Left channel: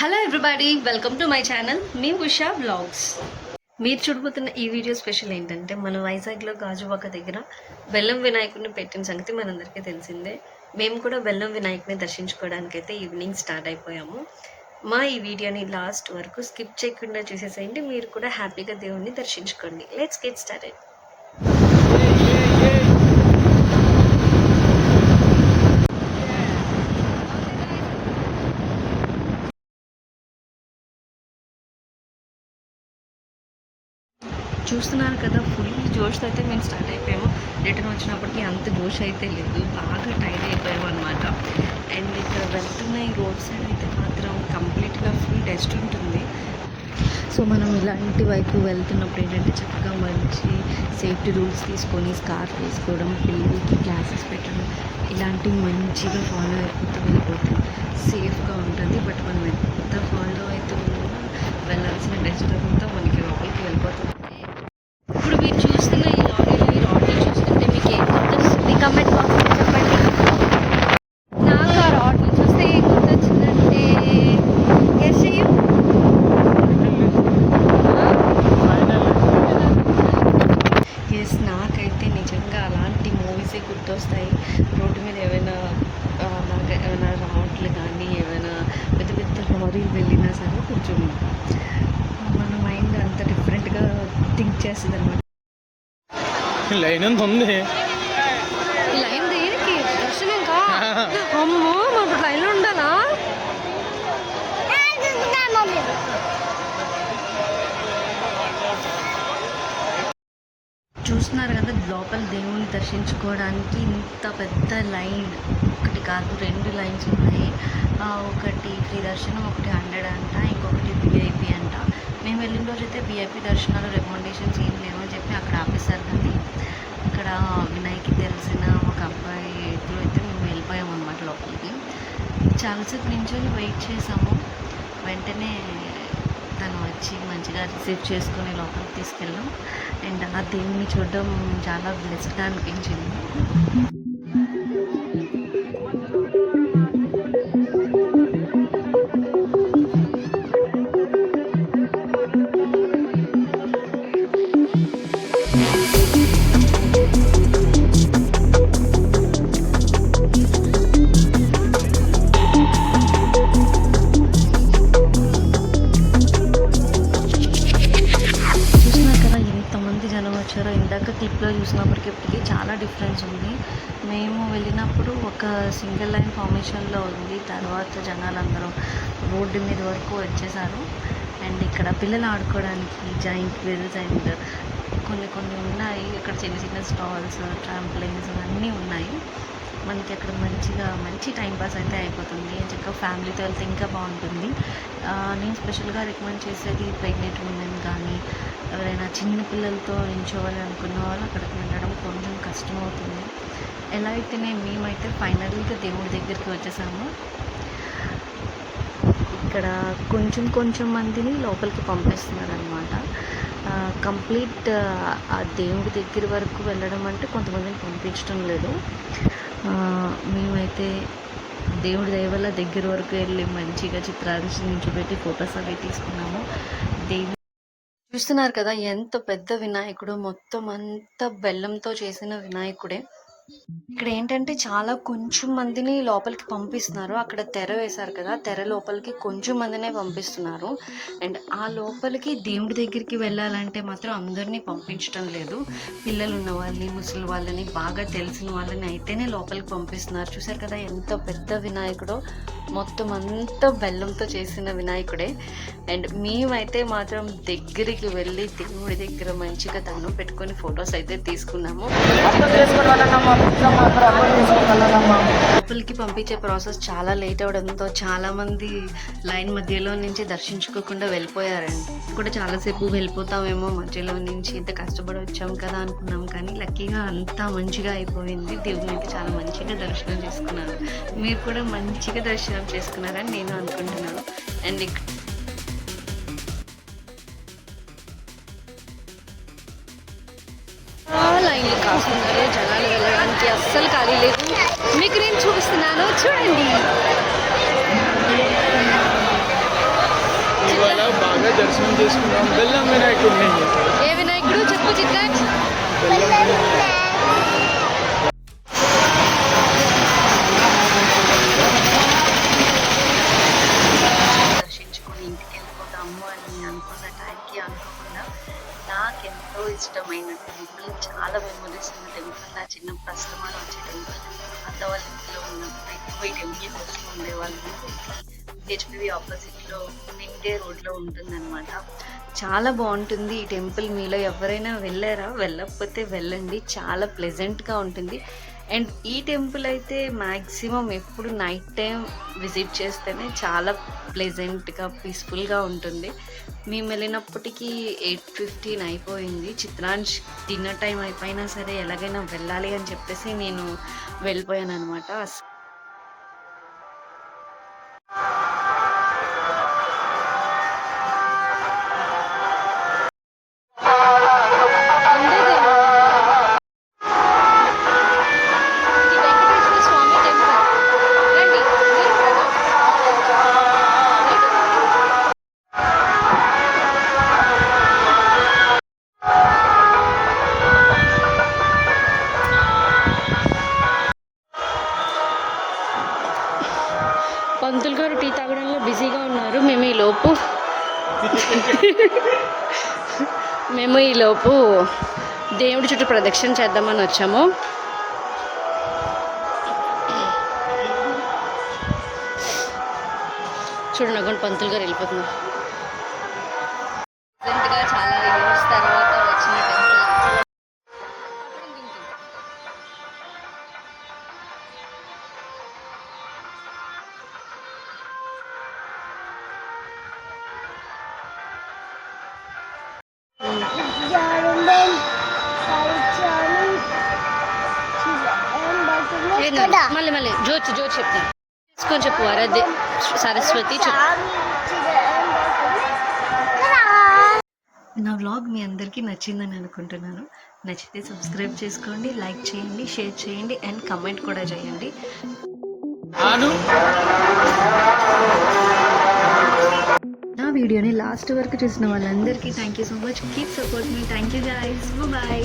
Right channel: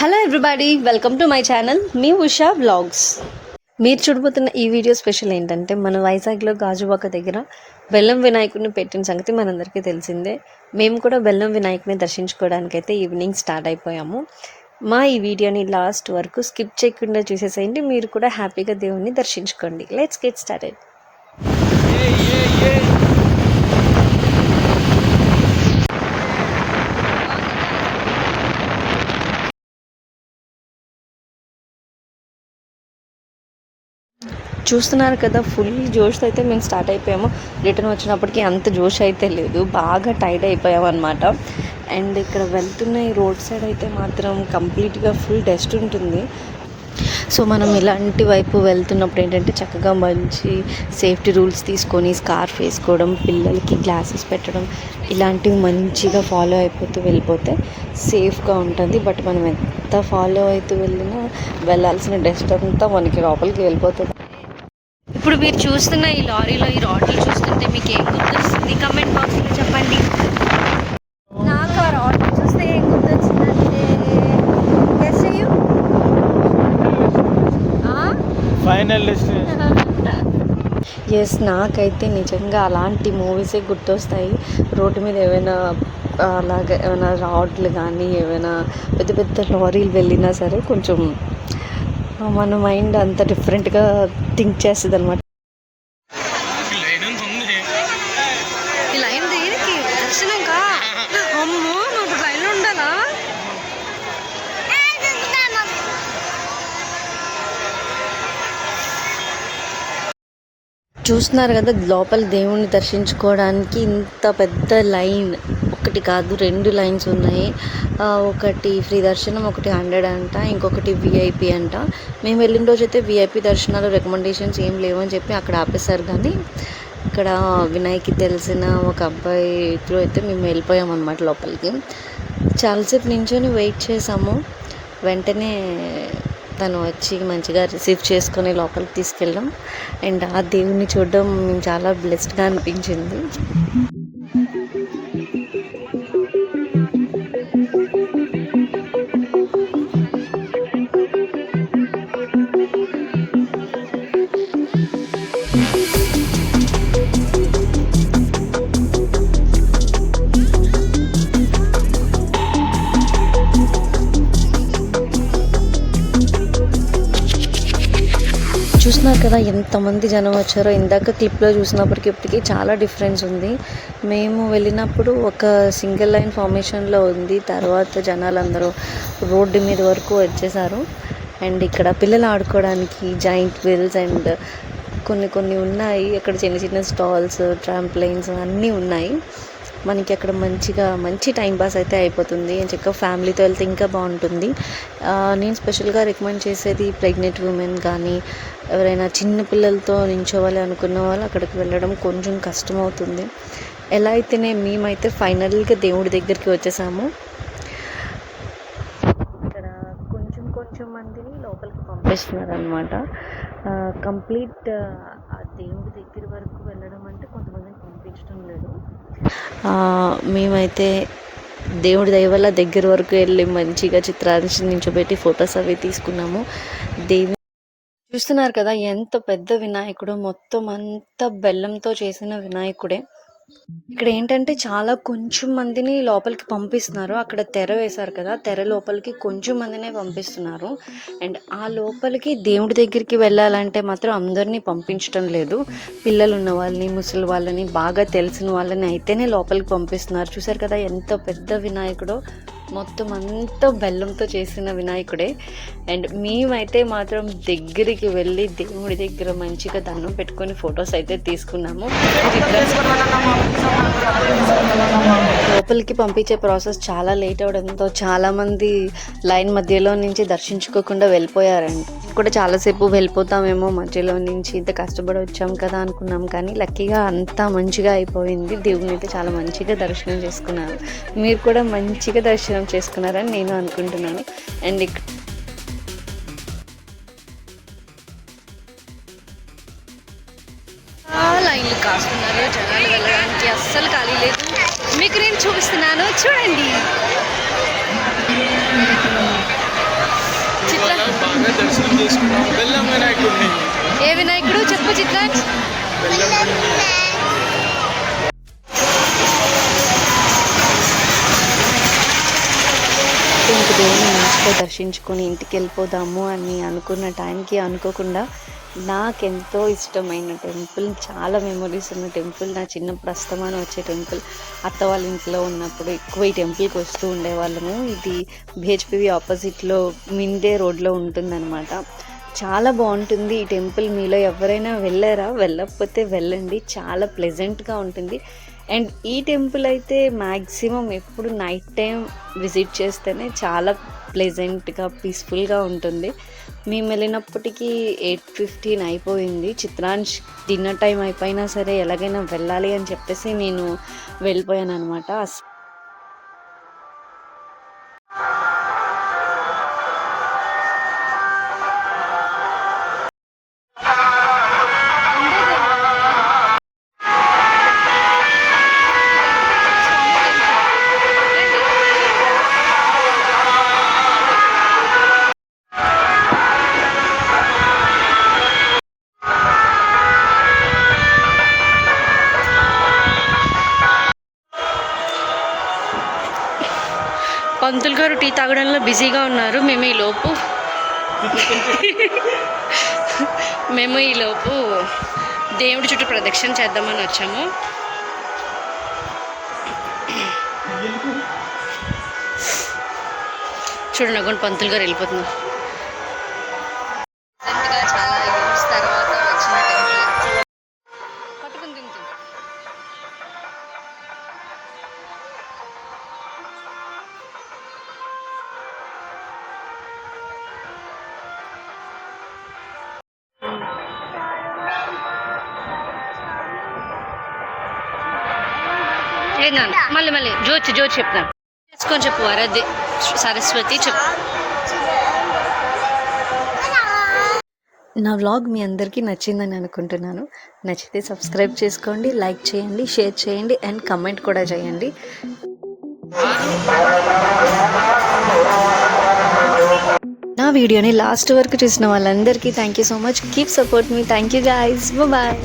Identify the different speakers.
Speaker 1: Hello everybody welcome to my channel me Usha blogs మీరు చూడబోతున్న ఈ వీడియో స్పెషల్ ఏంటంటే మన వైజాగ్లో గాజువాక దగ్గర బెల్లం వినాయకుడిని పెట్టిన సంగతి మనందరికీ తెలిసిందే. మేము కూడా బెల్లం వినాయకుని దర్శించుకోవడానికైతే ఈవినింగ్ స్టార్ట్ అయిపోయాము. మా ఈ వీడియోని లాస్ట్ వరకు స్కిప్ చేయకుండా చూసేసేయండి. మీరు కూడా హ్యాపీగా దేవుణ్ణి దర్శించుకోండి. లెట్స్ గెట్ స్టార్టెడ్ చూస్తున్నారు కదా ఫుల్ జోష్ అయితే మేము స్టార్ట్ అయిపోయాము. రిటర్న్ వచ్చినప్పటికీ అంత జోష్ అయితే లేదు. బాగా టైర్డ్ అయిపోయామన్నమాట. అండ్ ఇక్కడ వెళ్తున్న ఈ రోడ్ సైడ్ అయితే మాత్రం కంప్లీట్గా ఫుల్ డస్ట్ ఉంటుంది. సో మనం ఇలాంటి వైపు వెళ్తున్నప్పుడు ఏంటంటే చక్కగా మంచి సేఫ్టీ రూల్స్ తీసుకొని స్కార్ఫ్ వేసుకోవడం పిల్లలకి గ్లాసెస్ పెట్టడం ఇలాంటివి మంచిగా ఫాలో అయిపోతూ వెళ్ళిపోతే సేఫ్గా ఉంటుంది. బట్ మనం ఎంత ఫాలో అవుతూ వెళ్ళినా వెళ్ళాల్సిన డస్ట్ అంతా మనకి లోపలికి వెళ్ళిపోతుంది. ఇప్పుడు మీరు చూస్తున్న ఈ లారీలో ఈ రాడ్లు చూస్తుంటే మీకు ఏం గుర్తొస్తుంది? కమెంట్ బాక్స్లో చెప్పండి. నాకు ఆ రాడ్లు చూస్తే ఏం గుర్తొచ్చిందంటే గెస్ చెయ్యు.
Speaker 2: ఫైనల్ డెస్టినేషన్
Speaker 1: ఎస్ నాకైతే నిజంగా అలాంటి మూవీసే గుర్తొస్తాయి. రోడ్డు మీద ఏమైనా అలాగ ఏమైనా రాడ్లు కానీ ఏమైనా పెద్ద పెద్ద లారీలు వెళ్ళినా సరే కొంచెం మన మైండ్ అంత డిఫరెంట్గా థింక్ చేస్తుంది అనమాట
Speaker 2: లైన్ అంత ఉంది.
Speaker 1: ఈ లైన్ దేనికి? దర్శనంకా? అమ్మో మాకు లైన్ ఉండాలా చూస్తున్నారు కదా లోపల దేవుణ్ణి దర్శించుకోవడానికి ఇంత పెద్ద లైన్. ఒకటి కాదు రెండు లైన్స్ ఉన్నాయి. ఒకటి ఫ్రీ దర్శనం ఒకటి హండ్రెడ్ అంట ఇంకొకటి విఐపి అంట. మేము వెళ్ళిన రోజు అయితే విఐపి దర్శనాలు రికమెండేషన్స్ ఏం లేవని చెప్పి అక్కడ ఆపేశారు కానీ ఇక్కడ వినాయక్కి తెలిసిన ఒక అబ్బాయి త్రూ అయితే మేము వెళ్ళిపోయాం అనమాట లోపలికి. చాలాసేపు నించొని వెయిట్ చేసాము వెంటనే తను వచ్చి మంచిగా రిసీవ్ చేసుకొని లోపలికి తీసుకెళ్ళాం అండ్ ఆ దేవుణ్ణి చూడడం చాలా బ్లెస్డ్గా అనిపించింది. ఎంతమంది జనం వచ్చారో ఇందాక క్లిప్లో చూసినప్పటికి ఇప్పటికీ చాలా డిఫరెన్స్ ఉంది. మేము వెళ్ళినప్పుడు ఒక సింగిల్ లైన్ ఫార్మేషన్లో ఉంది. తర్వాత జనాలందరూ రోడ్డు మీద వరకు వచ్చేసారు. అండ్ ఇక్కడ పిల్లలు ఆడుకోవడానికి జాయింట్ వీల్స్ అండ్ కొన్ని కొన్ని ఉన్నాయి. అక్కడ చిన్న చిన్న స్టాల్స్ ట్రాంప్లైన్స్ అన్నీ ఉన్నాయి. మనకి అక్కడ మంచిగా మంచి టైం పాస్ అయితే అయిపోతుంది. అని చెప్పి ఫ్యామిలీతో వెళ్తే ఇంకా బాగుంటుంది. నేను స్పెషల్గా రికమెండ్ చేసేది ప్రెగ్నెంట్ ఉమెన్ కానీ ఎవరైనా చిన్న పిల్లలతో నించోవాలి అనుకున్న వాళ్ళు అక్కడికి వెళ్ళడం కొంచెం కష్టం అవుతుంది. ఎలా అయితేనే మేమైతే ఫైనల్గా దేవుడి దగ్గరికి వచ్చేసాము. ఇక్కడ కొంచెం కొంచెం మందిని లోపలికి పంపిస్తున్నారు అనమాట కంప్లీట్ ఆ దేవుడి దగ్గర వరకు వెళ్ళడం అంటే కొంతమందిని పంపించడం లేదు. మేమైతే దేవుడి దయ వల్ల దగ్గర వరకు వెళ్ళి మంచిగా చిత్రాన్ని నించోబెట్టి ఫొటోస్ అవి తీసుకున్నాము. దేవి చూస్తున్నారు కదా ఎంత పెద్ద వినాయకుడు మొత్తం అంతా బెల్లంతో చేసిన వినాయకుడే. ఇక్కడ ఏంటంటే చాలా కొంచెం మందిని లోపలికి పంపిస్తున్నారు. అక్కడ తెర వేశారు కదా తెర లోపలికి కొంచెం మందినే పంపిస్తున్నారు. అండ్ ఆ లోపలికి దేవుడి దగ్గరికి వెళ్ళాలంటే మాత్రం అందరినీ పంపించడం లేదు. పిల్లలు ఉన్న వాళ్ళని ముసలి వాళ్ళని బాగా తెలిసిన వాళ్ళని అయితేనే లోపలికి పంపిస్తున్నారు. చూసారు కదా ఎంత పెద్ద వినాయకుడో. మొత్తం అంతా బెల్లంతో చేసిన వినాయకుడే. అండ్ మేమైతే మాత్రం దగ్గరికి వెళ్ళి దేవుడి దగ్గర మంచిగా దండం పెట్టుకొని ఫొటోస్ అయితే తీసుకున్నాము. లోపలికి పంపించే ప్రాసెస్ చాలా లేట్ అవడంతో చాలామంది లైన్ మధ్యలో నుంచి దర్శించుకోకుండా వెళ్ళిపోయారండి. కూడా చాలాసేపు వెళ్ళిపోతామేమో మధ్యలో నుంచి ఇంత కష్టపడి వచ్చాం కదా అనుకున్నాం కానీ లక్కీగా అంతా మంచిగా అయిపోయింది. దేవుని అయితే చాలా మంచిగా దర్శనం చేసుకున్నాను మీరు కూడా మంచిగా దర్శనం చేసుకున్నారని నేను అనుకుంటున్నాను. అండ్ లైన్లు కాస్తున్నారు. జనాలు వెళ్ళడానికి అస్సలు ఖాళీ లేదు. మీకు నేను చూపిస్తున్నాను. చూడండి.
Speaker 2: ఇవాళ బాగా దర్శనం చేసుకున్నాం. బెల్లం వినాయకుడిని.
Speaker 1: ఏ వినాయకుడు? చెప్పు చిత్రాంశ్
Speaker 2: బెల్లం
Speaker 1: దర్శించుకొని ఇంటికి వెళ్ళిపోదాము అని అనుకున్న టైంకి అనుకోకుండా నాకెంతో ఇష్టమైన టెంపుల్ చాలా మెమొరీస్ ఉన్న టెంపుల్ నా చిన్నప్పుడు అస్తమానం వచ్చే టెంపుల్ అత్త వాళ్ళ ఇంట్లో ఉన్నప్పుడు ఎక్కువ ఈ టెంపుల్కి వస్తూ ఉండేవాళ్ళము. ఇది బిహెచ్పివి ఆపోజిట్లో మిండే రోడ్లో ఉంటుందన్నమాట. చాలా బాగుంటుంది ఈ టెంపుల్. మీలో ఎవరైనా వెళ్ళారా? వెళ్ళకపోతే వెళ్ళండి. చాలా ప్లెజెంట్గా ఉంటుంది. అండ్ ఈ టెంపుల్ అయితే మ్యాక్సిమం ఎప్పుడు నైట్ టైం విజిట్ చేస్తేనే చాలా ప్లెజెంట్గా పీస్ఫుల్గా ఉంటుంది. మేము వెళ్ళినప్పటికీ ఎయిట్ ఫిఫ్టీన్ అయిపోయింది. చిత్రాంశ్ డిన్నర్ టైం అయిపోయినా సరే ఎలాగైనా వెళ్ళాలి అని చెప్పేసి నేను వెళ్ళిపోయాను అనమాట పంతులు గారు టీ తాగడంలో బిజీగా ఉన్నారు. మేము ఈ లోపు మేము ఈ లోపు దేవుడి చుట్టూ ప్రదక్షిణ చేద్దామని వచ్చాము. చూడండి అగోండి పంతులు గారు వెళ్ళిపోతున్నారు. మళ్ళీ మళ్ళీ. జోచి జోచి చెప్తాను చేసుకొని చెప్పు వరదే సరస్వతి చెప్పు. నా వ్లాగ్ మీ అందరికీ నచ్చిందని అనుకుంటున్నాను. నచ్చితే సబ్స్క్రైబ్ చేసుకోండి లైక్ చేయండి షేర్ చేయండి అండ్ కమెంట్ కూడా చేయండి. నా వీడియోని లాస్ట్ వరకు చూసిన వాళ్ళందరికీ thank you so much keep support me thank you guys bye